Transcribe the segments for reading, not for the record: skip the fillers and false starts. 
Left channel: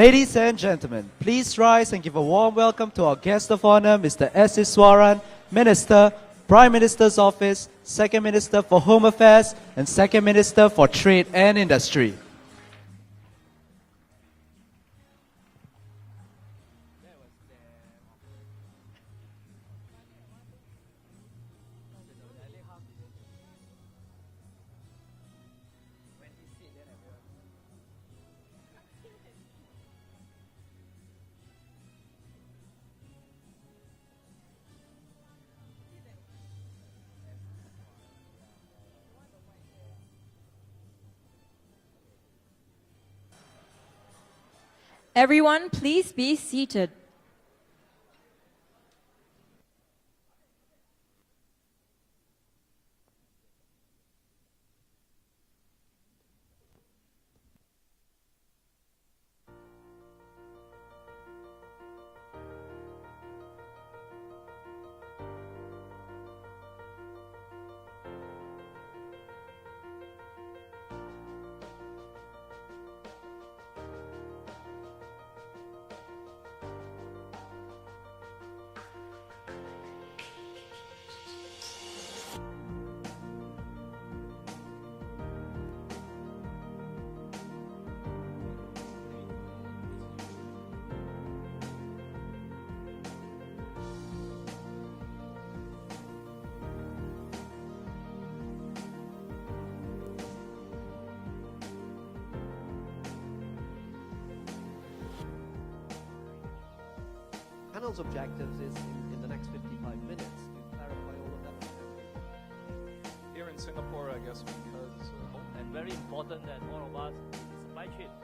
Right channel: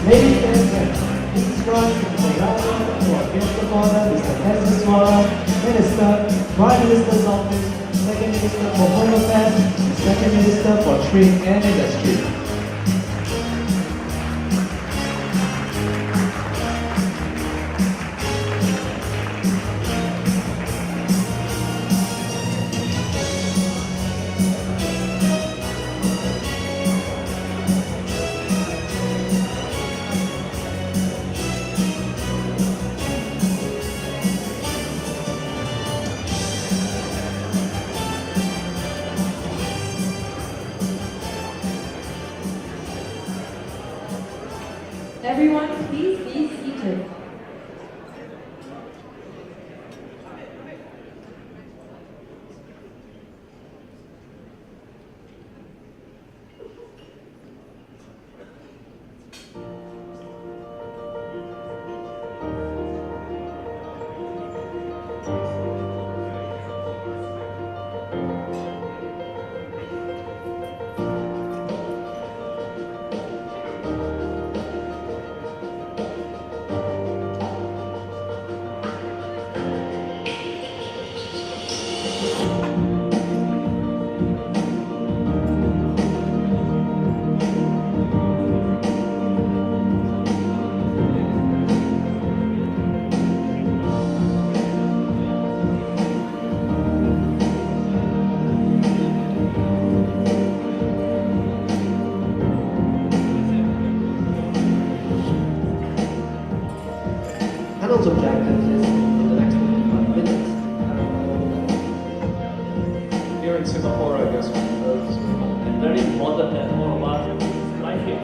Ladies and gentlemen, please rise and give a warm welcome to our guest of honor, Mr. S. Iswaran, Minister, Prime Minister's Office, Second Minister for Home Affairs, and Second Minister for Trade and Industry. Everyone, please be seated. Panel's objective is in the next 25 minutes. Here in Singapore, I guess, it's very important that all of us like it.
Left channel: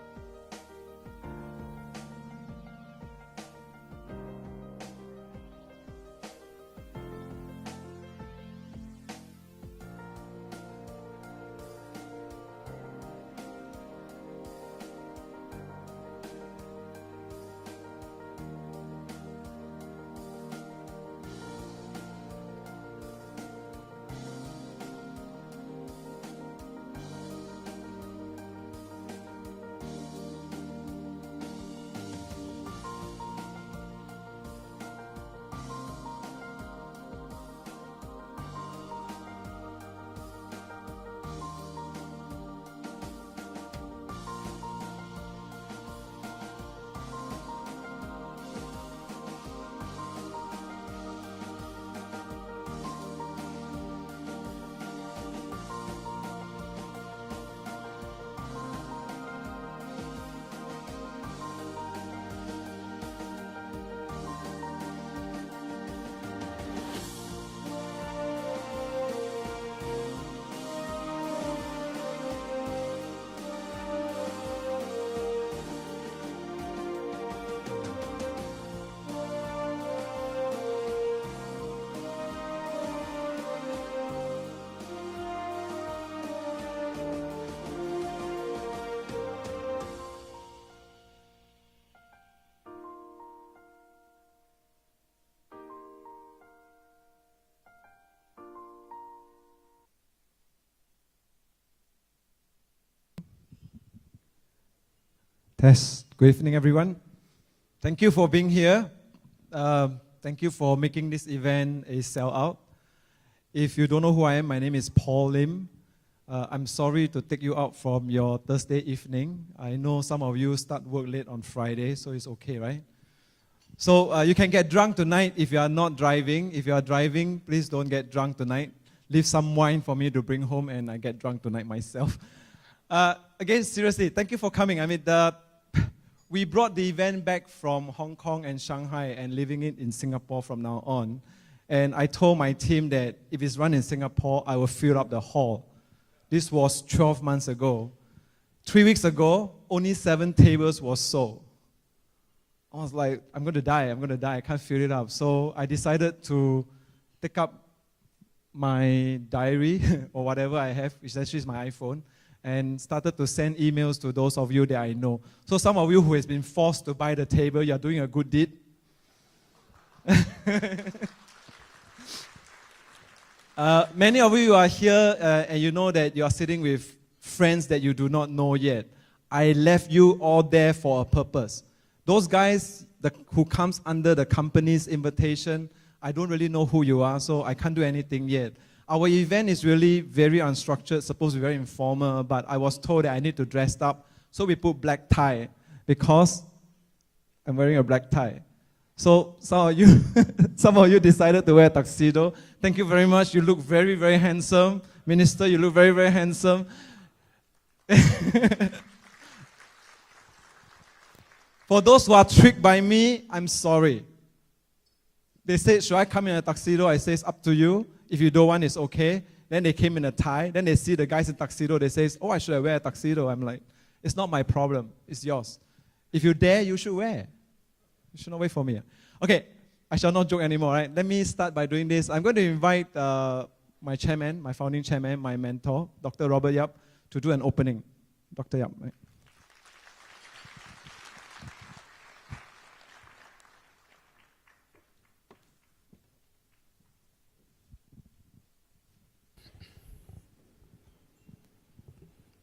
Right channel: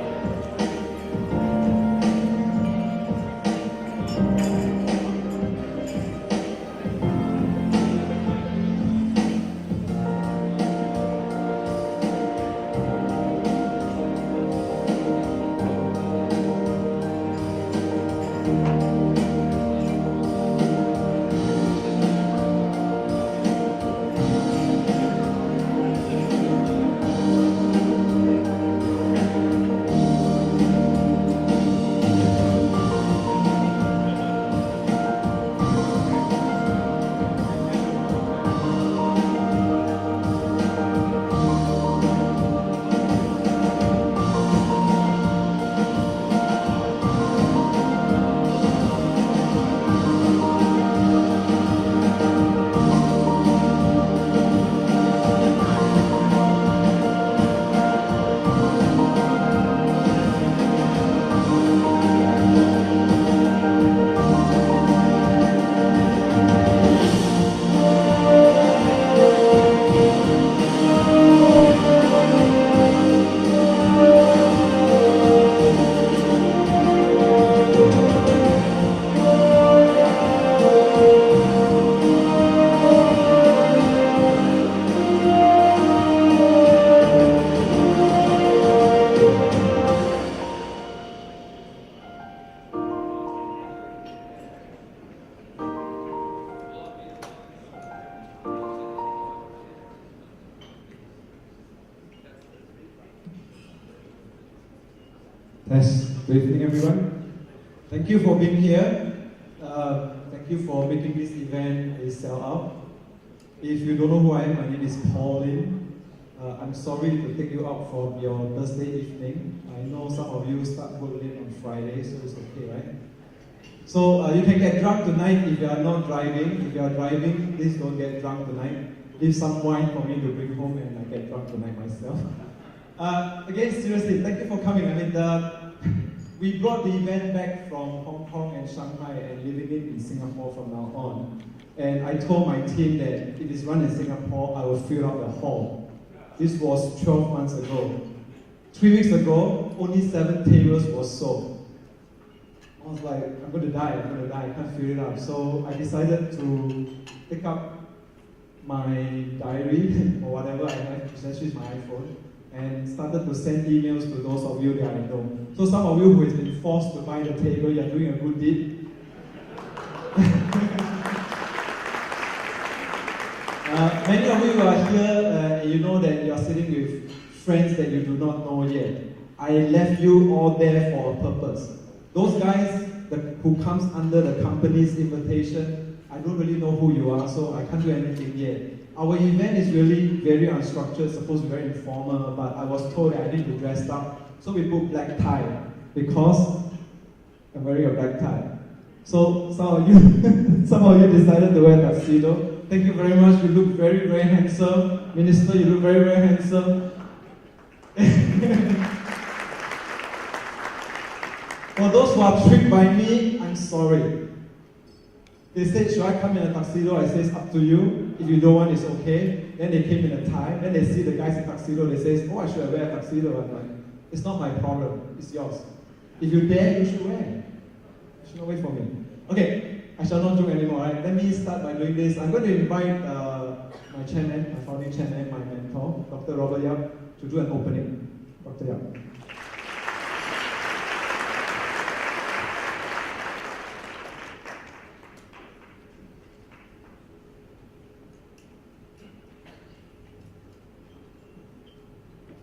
Good evening, everyone. Thank you for being here. Thank you for making this event a sellout. If you don't know who I am, my name is Paul Lim. I'm sorry to take you out from your Thursday evening. I know some of you start work late on Friday, so it's okay, right? So you can get drunk tonight if you are not driving. If you are driving, please don't get drunk tonight. Leave some wine for me to bring home and I get drunk tonight myself. Again, seriously, thank you for coming. I mean, we brought the event back from Hong Kong and Shanghai and living it in Singapore from now on. And I told my team that if it's run in Singapore, I will fill up the hall. This was 12 months ago. 3 weeks ago, only 7 tables were sold. I was like, I'm going to die, I can't fill it up. So I decided to pick up my diary or whatever I have, which actually is my iPhone, and started to send emails to those of you that I know. So some of you who has been forced to buy the table, you're doing a good deed. Many of you are here and you know that you are sitting with friends that you do not know yet. I left you all there for a purpose. Those guys who comes under the company's invitation, I don't really know who you are, so I can't do anything yet. Our event is really very unstructured, supposed to be very informal, but I was told that I need to dress up, so we put black tie, because I'm wearing a black tie. So some of you decided to wear a tuxedo. Thank you very much. You look very, very handsome. Minister, you look very, very handsome. For those who are tricked by me, I'm sorry. They said, should I come in a tuxedo? I say, it's up to you. If you don't want, it's okay. Then they came in a tie. Then they see the guys in tuxedo. They say, oh, I should have wear a tuxedo. I'm like, it's not my problem. It's yours. If you dare, you should wear. You should not wait for me. Okay, I shall not joke anymore, right? Let me start by doing this. I'm going to invite my chairman, my founding chairman, my mentor, Dr. Robert Yap, to do an opening. Dr. Yap.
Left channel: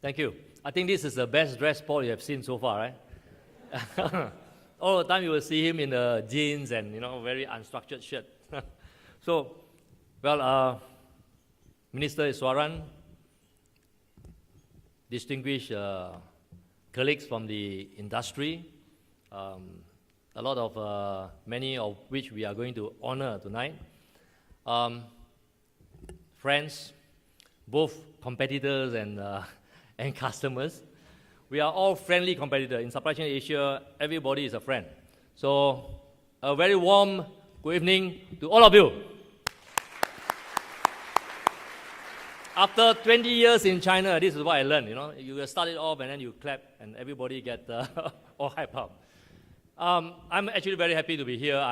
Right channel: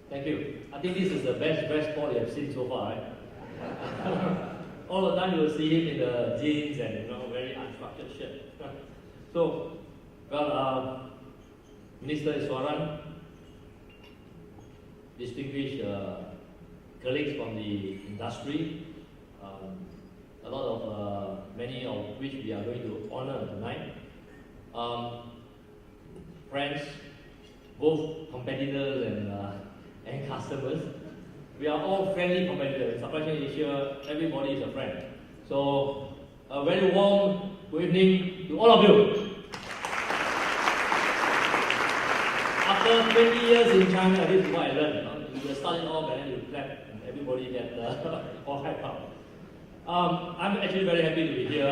Thank you. I think this is the best dress Paul you have seen so far, right? All the time you will see him in the jeans and very unstructured shirt. So, well, Minister Iswaran, distinguished colleagues from the industry, a lot of many of which we are going to honor tonight, friends, both competitors and customers. We are all friendly competitors. In Supply Chain Asia, everybody is a friend. So, a very warm good evening to all of you. After 20 years in China, this is what I learned. You start it off and then you clap and everybody gets all hyped up. I'm actually very happy to be here.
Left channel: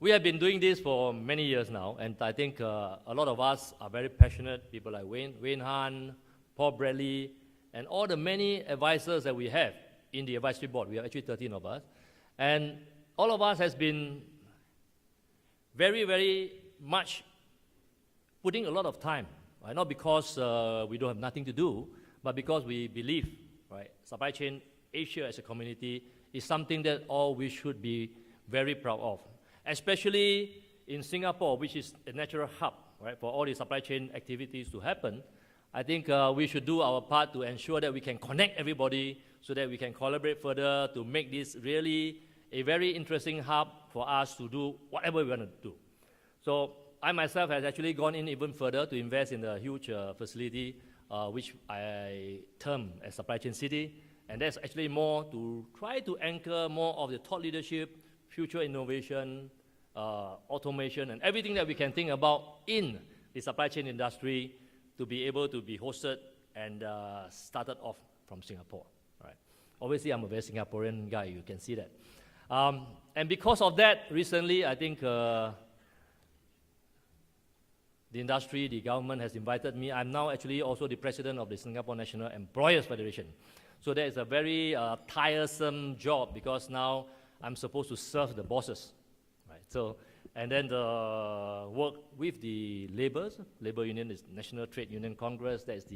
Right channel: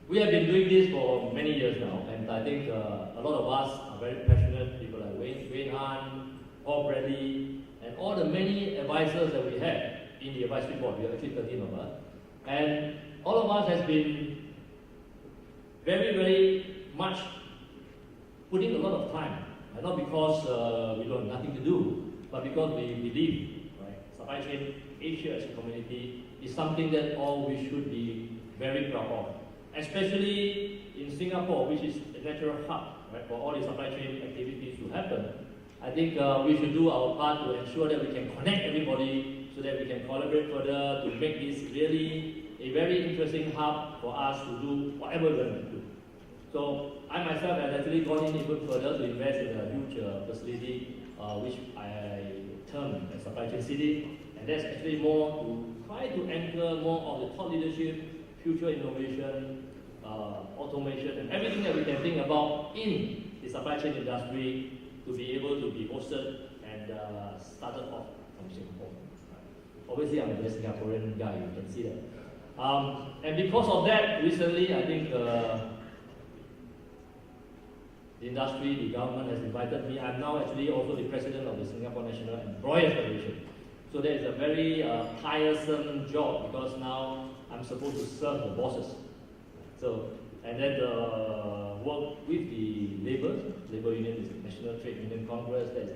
We have been doing this for many years now, and I think a lot of us are very passionate. People like Wayne Han, Paul Bradley, and all the many advisors that we have in the advisory board. We are actually 13 of us. And all of us has been very, very much putting a lot of time, right? Not because we don't have nothing to do, but because we believe, right? Supply Chain Asia as a community is something that all we should be very proud of. Especially in Singapore, which is the natural hub, right, for all the supply chain activities to happen. I think we should do our part to ensure that we can connect everybody so that we can collaborate further to make this really a very interesting hub for us to do whatever we're going to do. So I myself have actually gone in even further to invest in a huge facility which I term as Supply Chain City, and that's actually more to try to anchor more of the thought leadership, future innovation, automation, and everything that we can think about in the supply chain industry to be able to be hosted and started off from Singapore. Right? Obviously, I'm a very Singaporean guy, you can see that. And because of that, recently, I think the industry, the government has invited me. I'm now actually also the president of the Singapore National Employers Federation. So that is a very tiresome job because now I'm supposed to serve the bosses. Right? So, and then work with the labor union is the National Trade Union Congress, that's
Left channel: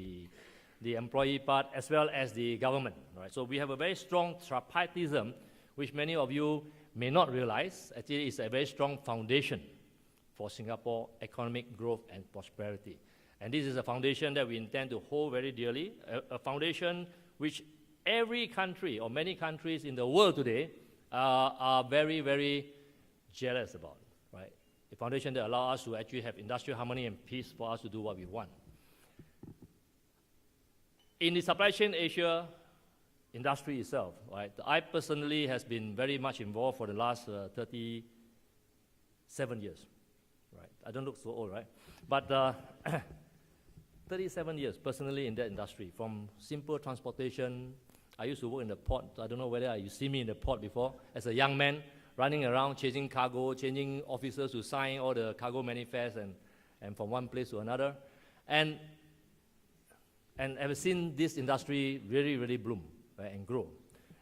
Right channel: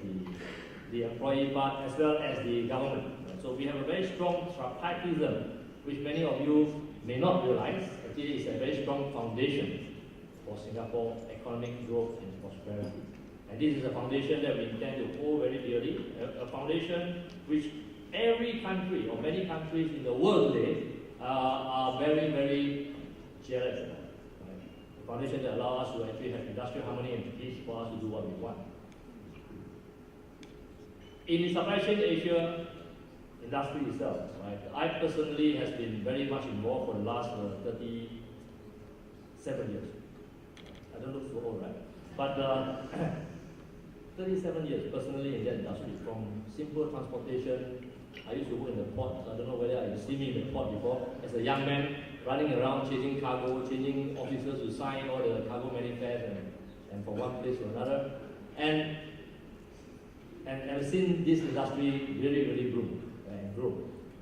the employee part, as well as the government. Right? So we have a very strong tripartism, which many of you may not realize. Actually, it's a very strong foundation for Singapore economic growth and prosperity. And this is a foundation that we intend to hold very dearly, a foundation which every country or many countries in the world today are very, very jealous about. Right? The foundation that allows us to actually have industrial harmony and peace for us to do what we want. In the Supply Chain Asia industry itself, right, I personally has been very much involved for the last 37 years. I don't look so old, right? But 37 years personally in that industry, from simple transportation. I used to work in the port. I don't know whether you see me in the port before. As a young man, running around chasing cargo, chasing officers to sign all the cargo manifests and from one place to another. And ever since this industry really, really bloom, right, and grow.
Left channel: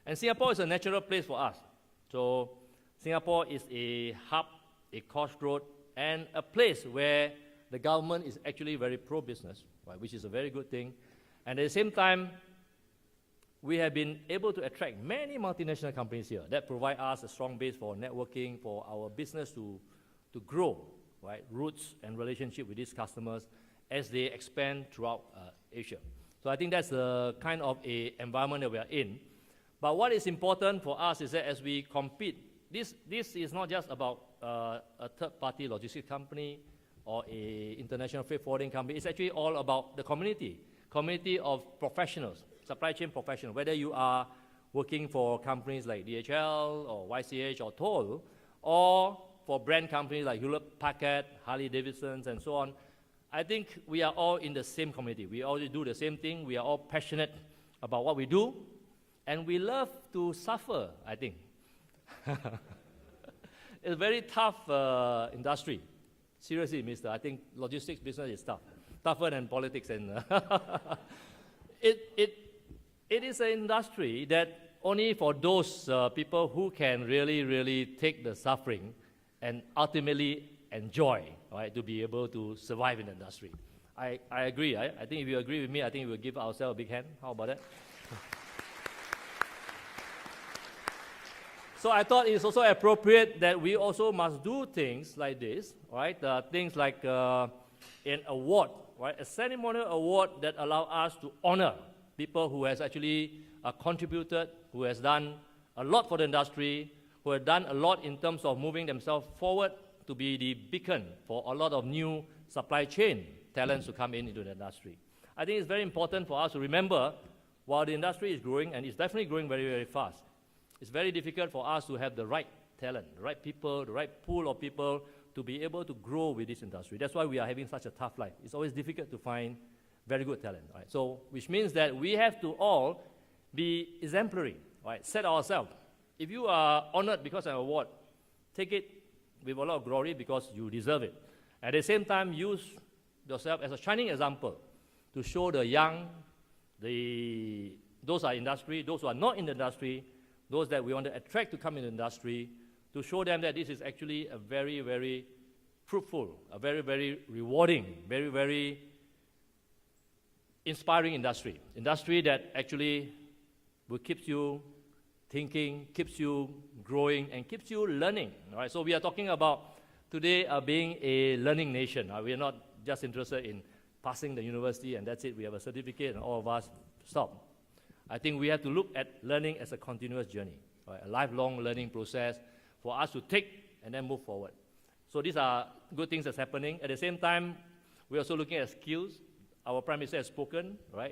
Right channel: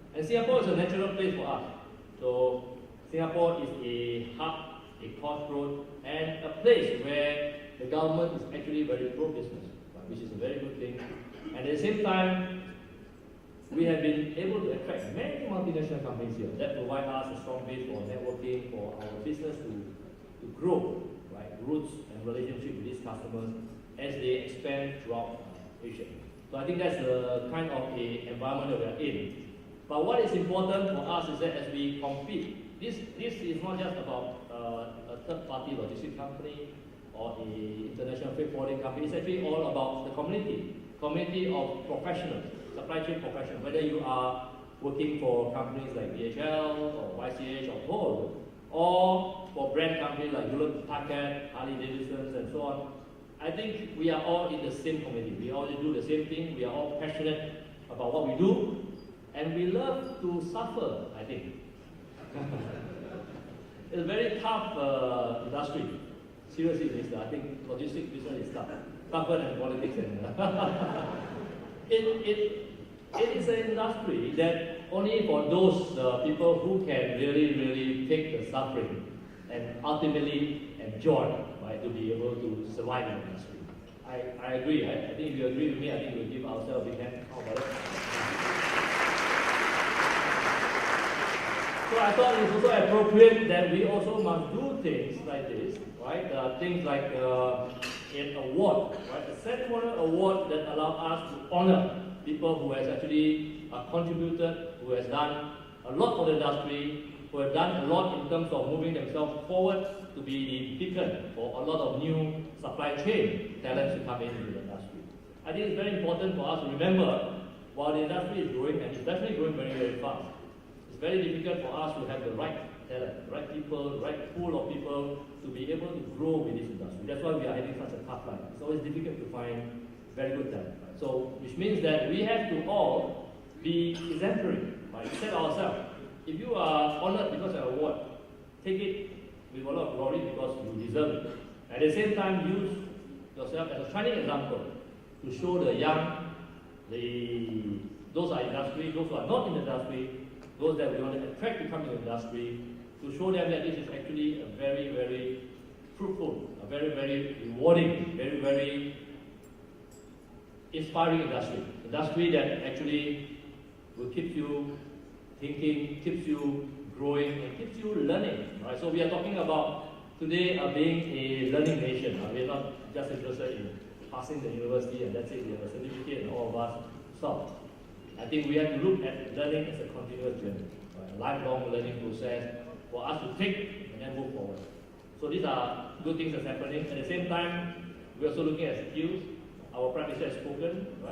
And Singapore is a natural place for us. So Singapore is a hub, a crossroad, and a place where the government is actually very pro-business, right, which is a very good thing. And at the same time, we have been able to attract many multinational companies here that provide us a strong base for networking, for our business to grow, right? Roots and relationship with these customers as they expand throughout Asia. So I think that's a kind of a environment that we are in. But what is important for us is that as we compete, this is not just about a third-party logistics company or an international freight forwarding company. It's actually all about the community of professionals, supply chain professionals, whether you are working for companies like DHL or YCH or Toll, or for brand companies like Hewlett Packard, Harley Davidson, and so on. I think we are all in the same community. We all do the same thing. We are all passionate about what we do, and we love to suffer, I think. It's a very tough industry. Seriously, mister, I think logistics business is tough. Tougher than politics. It is an industry that only for those people who can really take the suffering and ultimately enjoy, right, to be able to survive in the industry. I agree. I think if you agree with me, I think we will give ourselves a big hand. How about that? So I thought it was also appropriate that we also must do things like this, right? Things like an award, right? A ceremonial award that allows us to honor people who has actually contributed, who has done a lot for the industry, who have done a lot in terms of moving themselves forward to be the beacon for a lot of new supply chain talents to come into the industry. I think it's very important for us to remember, while the industry is growing, and it's definitely growing very fast, it's very difficult for us to have the right talent, the right people, the right pool of people to be able to grow with this industry. That's why we are having such a tough time. It's always difficult to find very good talent. Right? So, which means that we have to all be exemplary, right? Set ourselves. If you are honored because of an award, take it with a lot of glory because you deserve it. At the same time, use yourself as a shining example to show the young, those are industry, those who are not in the industry, those that we want to attract to come into the industry, to show them that this is actually a very fruitful, a very rewarding, very inspiring industry that actually will keep you thinking, keeps you growing, and keeps you learning. Right? So we are talking about today being a learning nation. We are not just interested in passing the university and that's it, we have a certificate and all of us stop. I think we have to look at learning as a continuous journey, right? Lifelong learning process for us to take and then move forward. So these are good things that's happening. At the same time, we're also looking at skills. Our Prime Minister has spoken, right?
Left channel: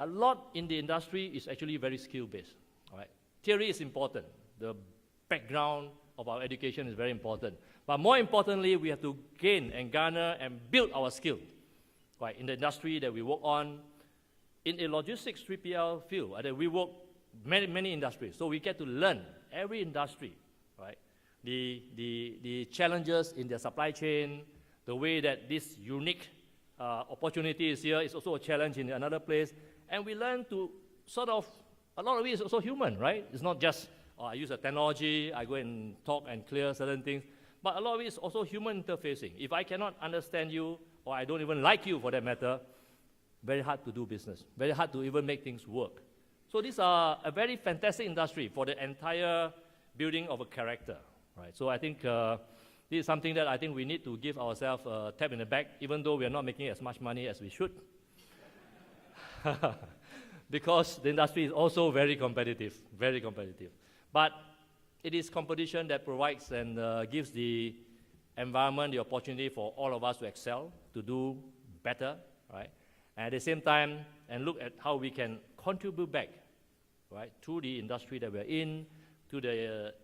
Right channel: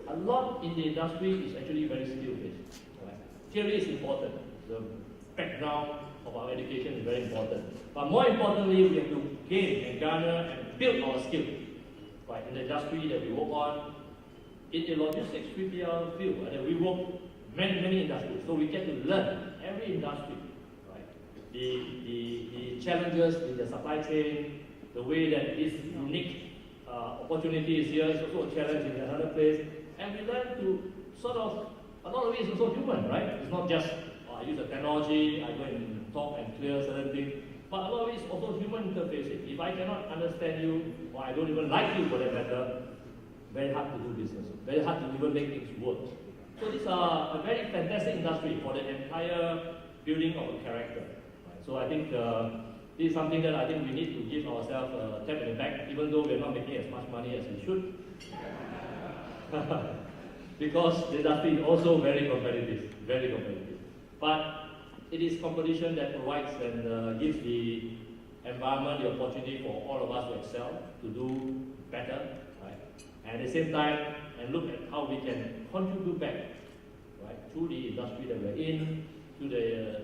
A lot in the industry is actually very skill-based. Right? Theory is important. The background of our education is very important. But more importantly, we have to gain and garner and build our skill, right? In the industry that we work on, in the logistics 3PL field, and then we work many industries. So we get to learn every industry, right? The challenges in the supply chain, the way that this unique opportunity is here is also a challenge in another place. And we learn to sort of, a lot of it is also human, right? It's not just, I use a technology, I go and talk and clear certain things. But a lot of it is also human interfacing. If I cannot understand you, or I don't even like you for that matter, very hard to do business, very hard to even make things work. So these are a very fantastic industry for the entire building of a character. Right? So I think this is something that I think we need to give ourselves a tap in the back, even though we are not making as much money as we should. Because the industry is also very competitive. But it is competition that provides and gives the environment the opportunity for all of us to excel, to do better, right? And at the same time, and look at how we can contribute back, right, to the industry that we're in, to the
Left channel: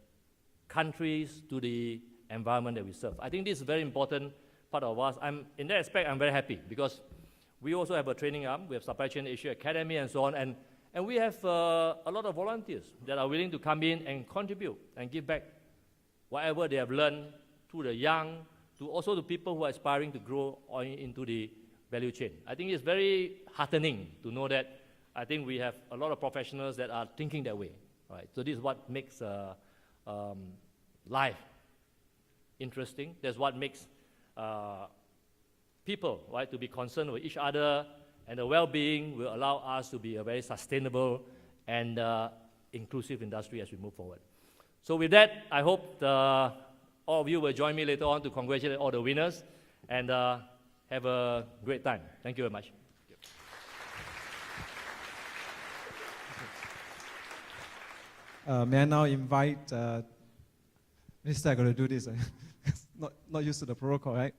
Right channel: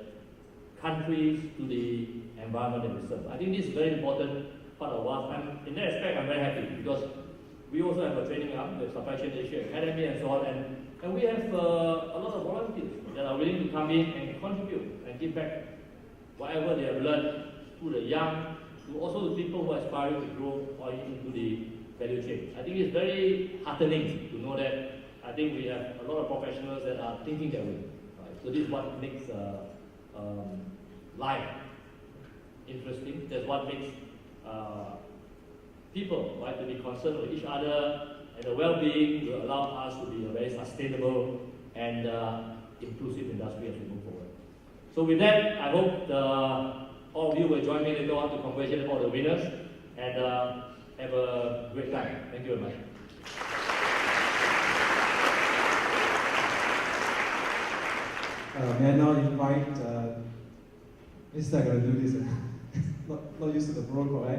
countries, to the environment that we serve. I think this is a very important part of us. In that aspect, I'm very happy because we also have a training arm. We have Supply Chain Asia Academy and so on. And we have a lot of volunteers that are willing to come in and contribute and give back whatever they have learned to the young, to also the people who are aspiring to grow into the value chain. I think it's very heartening to know that I think we have a lot of professionals that are thinking that way. Right? So this is what makes life interesting. That's what makes people, right, to be concerned with each other, and the well-being will allow us to be a very sustainable and inclusive industry as we move forward. So with that, I hope all of you will join me later on to congratulate all the winners and have a great time. Thank you very much. May I now invite, Mr. I'm going to do this, not used to the protocol, right?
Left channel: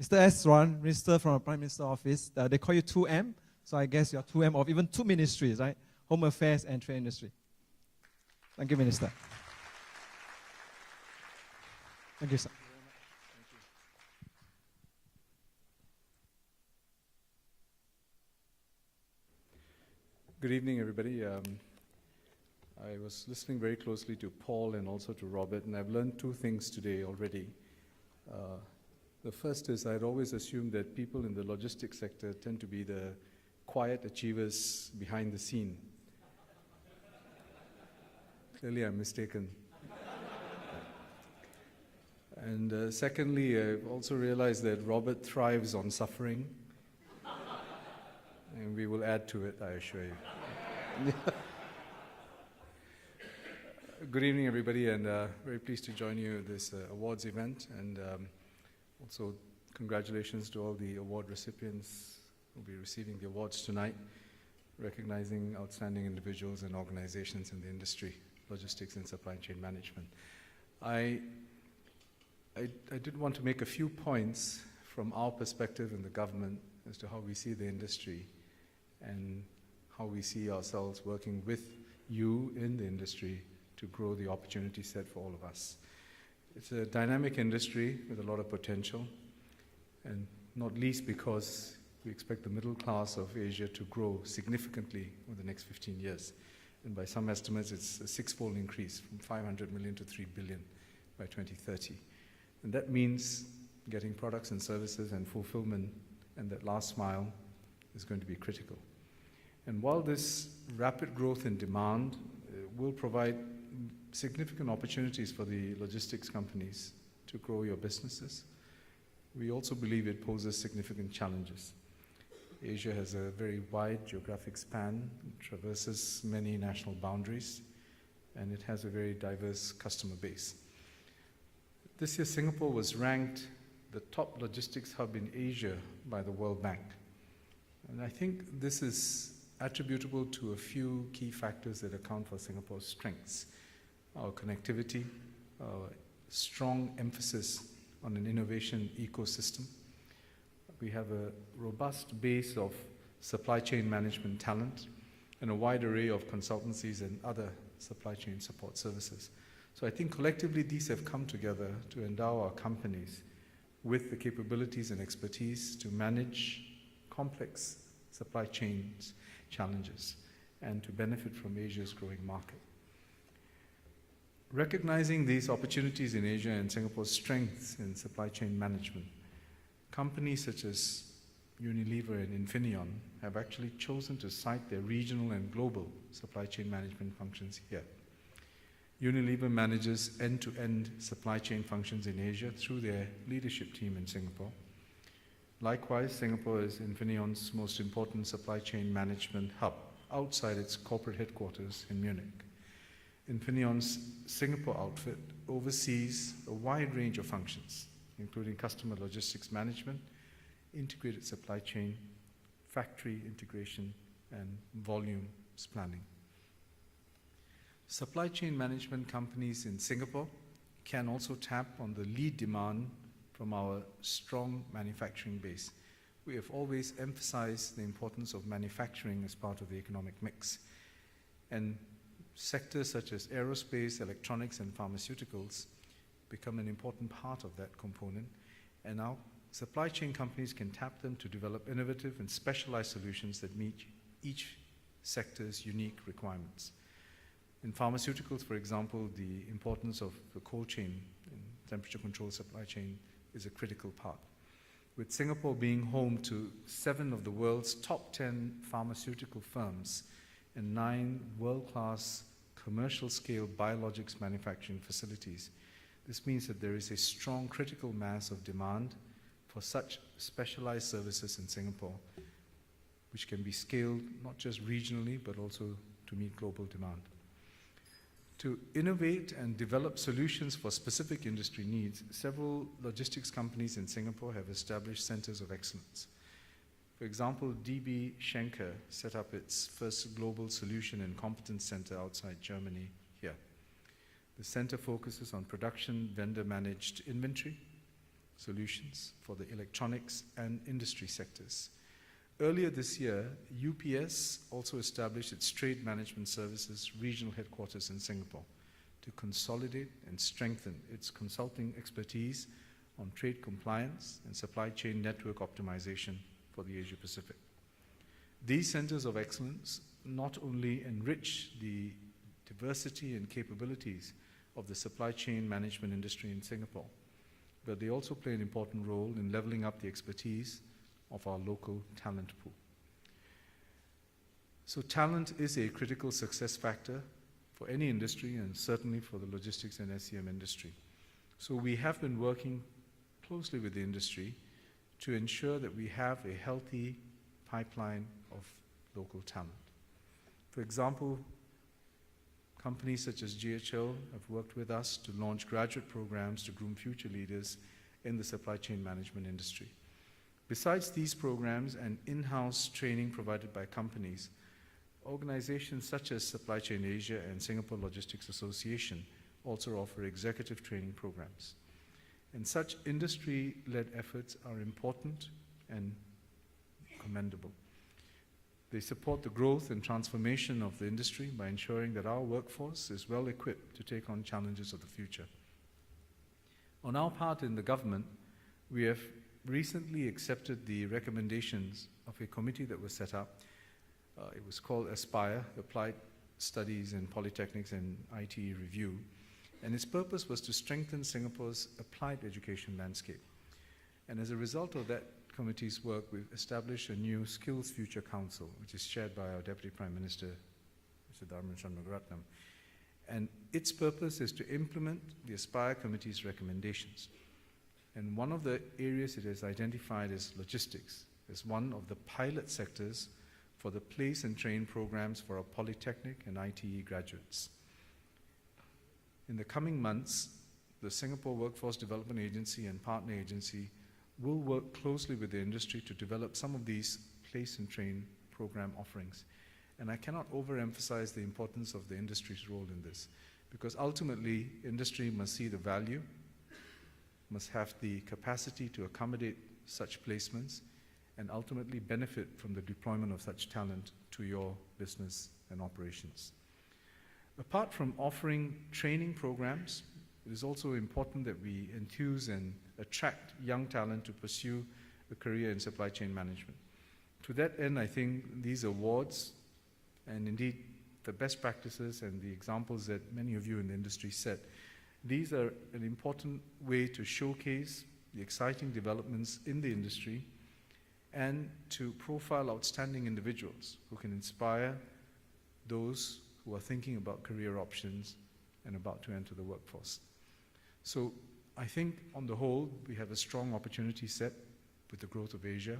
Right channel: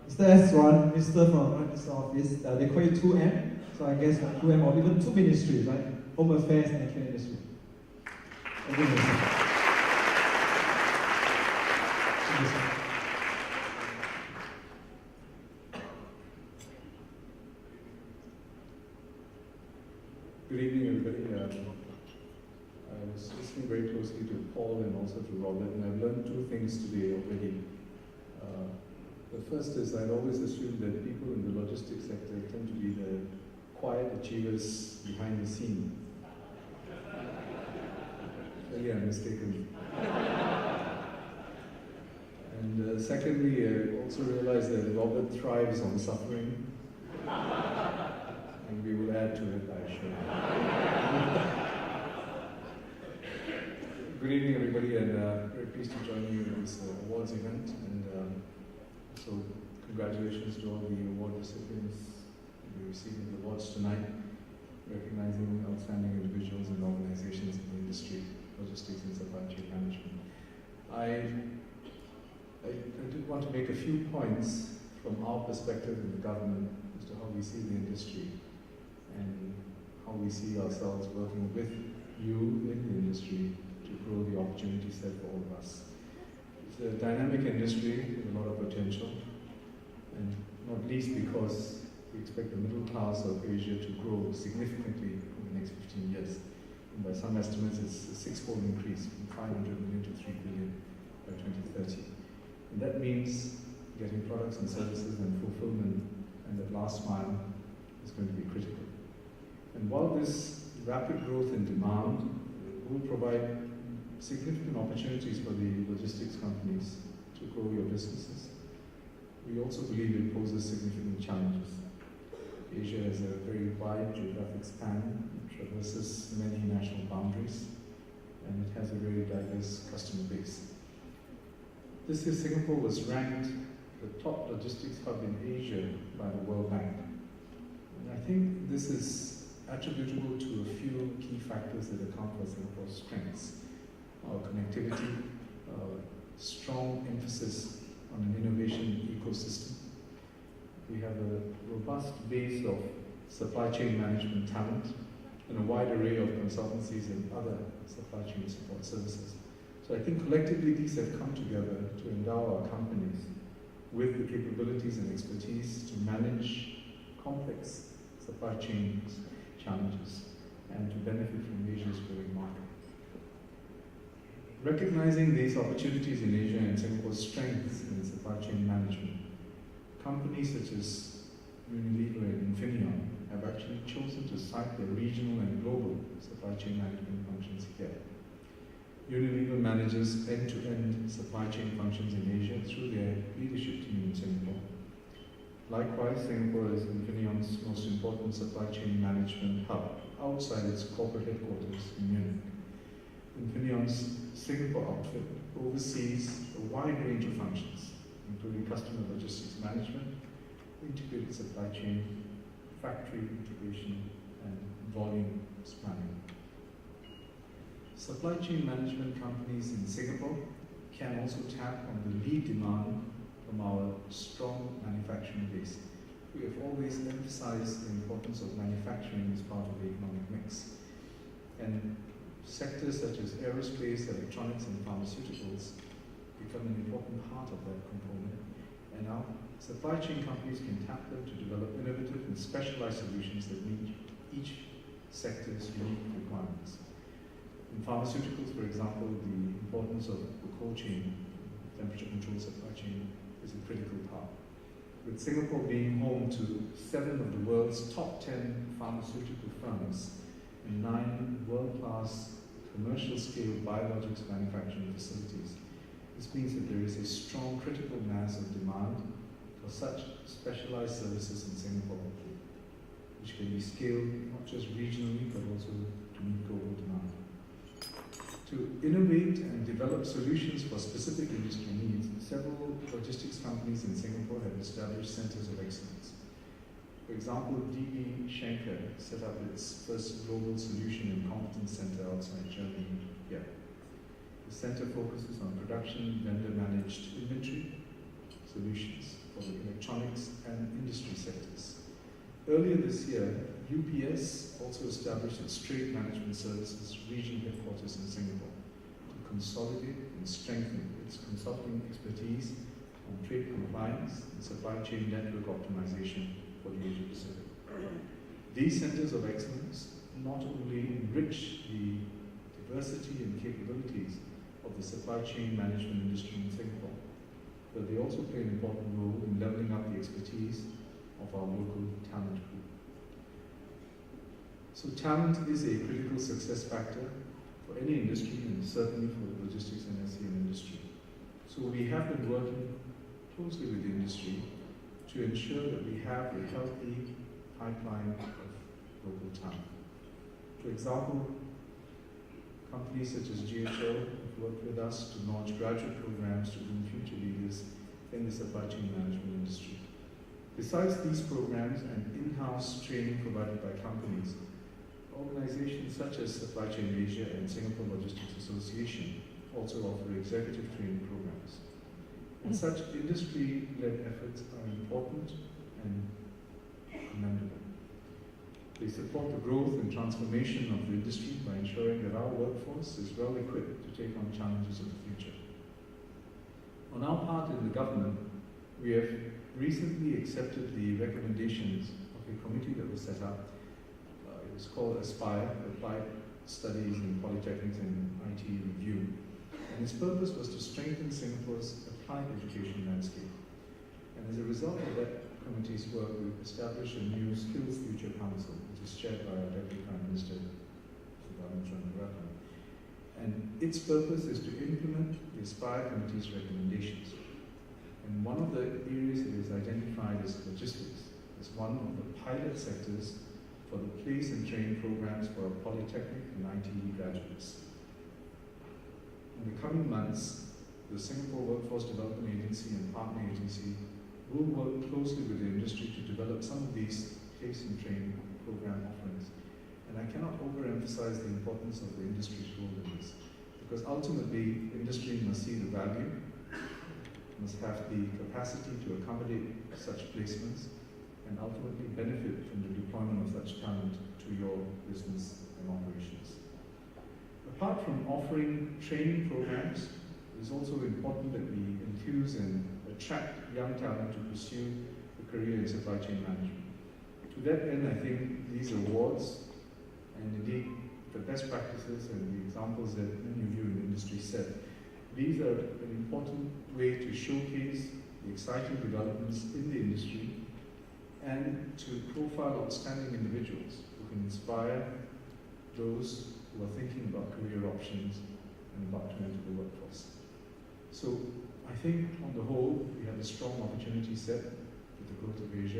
Mr. S1, Minister from Prime Minister's Office, they call you 2M, so I guess you are 2M or even two ministries, right? Home Affairs and Trade Industry. And even Mr. Thank you, sir. Good evening, everybody. I was listening very closely to Paul and also to Robert, and I've learned two things today already. The first is I've always assumed that people in the logistics sector tend to be the quiet achievers behind the scene. Clearly, I'm mistaken. And secondly, I've also realized that Robert thrives on suffering. And we will add to it, I assure you. Good evening, everybody, and very pleased to join you in this awards event. And so, congratulations to all the award recipients who will be receiving the awards tonight, recognizing outstanding individuals and organizations in the industry, logistics and supply chain management. I did want to make a few points from our perspective in the government as to how we see the industry and how we see ourselves working with you in the industry to grow the opportunity set for all of us. It's a dynamic industry with a lot of potential, and not least because we expect the middle class of Asia to grow significantly in the next 15 years. And by some estimates, it's a six-fold increase from 500 million to 3 billion by 2030. And that means getting products and services and fulfillment and that last mile is going to be critical. And while this rapid growth in demand will provide significant opportunities for the logistics companies to grow your businesses, we also believe it poses significant challenges. Asia has a very wide geographic span, traverses many national boundaries, and it has a very diverse customer base. This year, Singapore was ranked the top logistics hub in Asia by the World Bank. And I think this is attributable to a few key factors that account for Singapore's strengths. Our connectivity, strong emphasis on an innovation ecosystem. We have a robust base of supply chain management talent and a wide array of consultancies and other supply chain support services. So I think collectively these have come together to endow our companies with the capabilities and expertise to manage complex supply chain challenges and to benefit from Asia's growing market. Recognizing these opportunities in Asia and Singapore's strengths in supply chain management, companies such as Unilever and Infineon have actually chosen to site their regional and global supply chain management functions here. Unilever manages end-to-end supply chain functions in Asia through their leadership team in Singapore. Likewise, Singapore is Infineon's most important supply chain management hub outside its corporate headquarters in Munich. Infineon's Singapore outfit oversees a wide range of functions, including customer logistics management, integrated supply chain, factory integration, and volumes planning. Supply chain management companies in Singapore can also tap on the lead demand from our strong manufacturing base. We have always emphasized the importance of manufacturing as part of the economic mix. And sectors such as aerospace, electronics, and pharmaceuticals become an important part of that component. And now, supply chain companies can tap them to develop innovative and specialized solutions that meet each sector's unique requirements. In pharmaceuticals, for example, the importance of the cold chain, temperature-controlled supply chain, is a critical part. With Singapore being home to 7 of the world's top 10 pharmaceutical firms and 9 world-class commercial-scale biologics manufacturing facilities, this means that there is a strong critical mass of demand for such specialized services in Singapore. which can be scaled not just regionally but also to meet global demand. To innovate and develop solutions for specific industry needs, several logistics companies in Singapore have established centers of excellence. For example, DB Schenker set up its first global solution and competence center outside Germany here. The center focuses on production, vendor-managed inventory solutions for the electronics and industry sectors. Earlier this year, UPS also established its trade management services regional headquarters in Singapore to consolidate and strengthen its consulting expertise on trade compliance and supply chain network optimization for the Asia Pacific. These centers of excellence not only enrich the diversity and capabilities of the supply chain management industry in Singapore, but they also play an important role in leveling up the expertise of our local talent pool. So talent is a critical success factor for any industry and certainly for the logistics and SCM industry. So we have been working closely with the industry to ensure that we have a healthy pipeline of local talent. For example, companies such as GHO have worked with us to launch graduate programs to groom future leaders in the supply chain management industry. Besides these programs and in-house training provided by companies, organizations such as Supply Chain Asia and Singapore Logistics Association also offer executive training programs. And such industry-led efforts are important and commendable. They support the growth and transformation of the industry by ensuring that our workforce is well equipped to take on challenges of the future. On our part in the government, we have recently accepted the recommendations of a committee that was set up. It was called ASPIRE, Applied Studies in Polytechnics and IT Review. And its purpose was to strengthen Singapore's applied education landscape. And as a result of that committee's work, we've established a new Skills Future Council, which is chaired by our Deputy Prime Minister, Sudharma Chandraratnam. And its purpose is to implement the ASPIRE Committee's recommendations. And one of the areas it has identified is logistics as one of the pilot sectors for the place and train programs for our polytechnic and IT graduates. In the coming months, the Singapore Workforce Development Agency and Partner Agency will work closely with the industry to develop some of these place and train program offerings. And I cannot overemphasize the importance of the industry's role in this, because ultimately, industry must see the value, must have the capacity to accommodate such placements, and ultimately benefit from the deployment of such talent to your business and operations. Apart from offering training programs, it is also important that we enthuse and attract young talent to pursue a career in supply chain management. To that end, I think these awards, and indeed the best practices and the examples that many of you in the industry said, these are an important way to showcase the exciting developments in the industry and to profile outstanding individuals who can inspire those who are thinking about career options and about to enter the workforce. So I think on the whole, we have a strong opportunity set with the growth of Asia.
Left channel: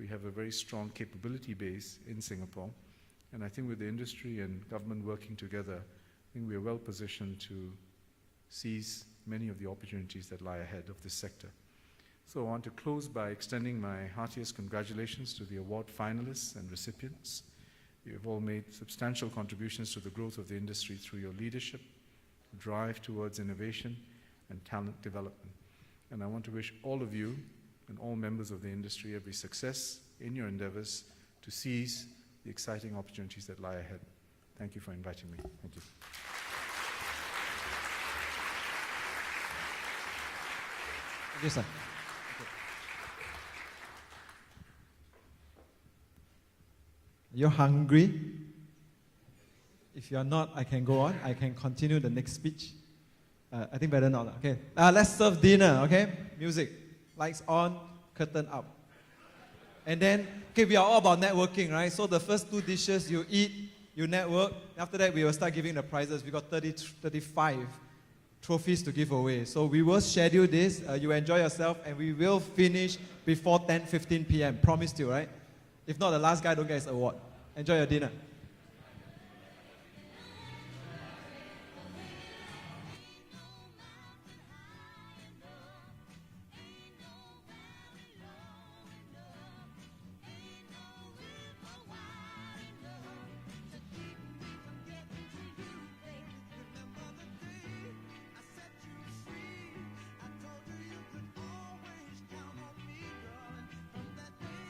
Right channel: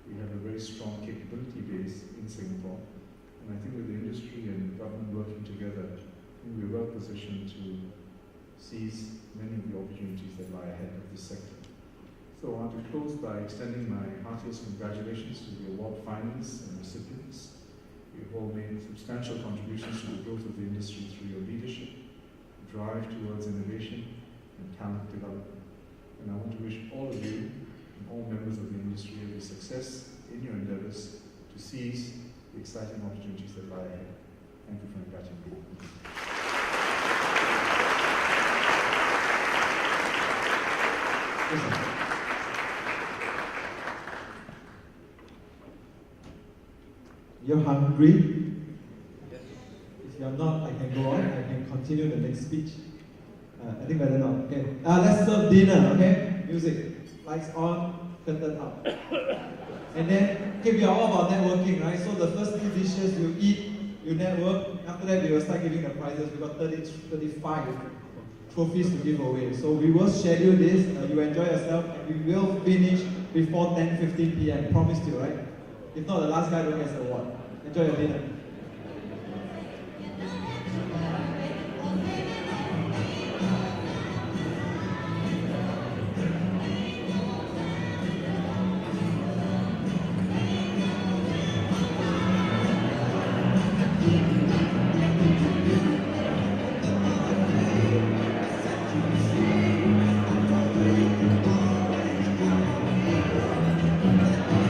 We have a very strong capability base in Singapore. And I think with the industry and government working together, I think we're well positioned to seize many of the opportunities that lie ahead of this sector. So I want to close by extending my heartiest congratulations to the award finalists and recipients. You've all made substantial contributions to the growth of the industry through your leadership, drive towards innovation, and talent development. And I want to wish all of you and all members of the industry every success in your endeavors to seize the exciting opportunities that lie ahead. Thank you for inviting me. Yes, sir. You're hungry? If you're not, I can go on. I can continue the next speech. I think better not. Okay. Let's serve dinner. Okay. Music. Lights on. Curtain up. And then, okay, we are all about networking, right? So the first 2 dishes you eat, you network. After that, we will start giving the prizes. We got 35 trophies to give away. So we will schedule this. You enjoy yourself, and we will finish before 10:15 p.m. Promised you, right? If not, the last guy to get the award. Enjoy your dinner.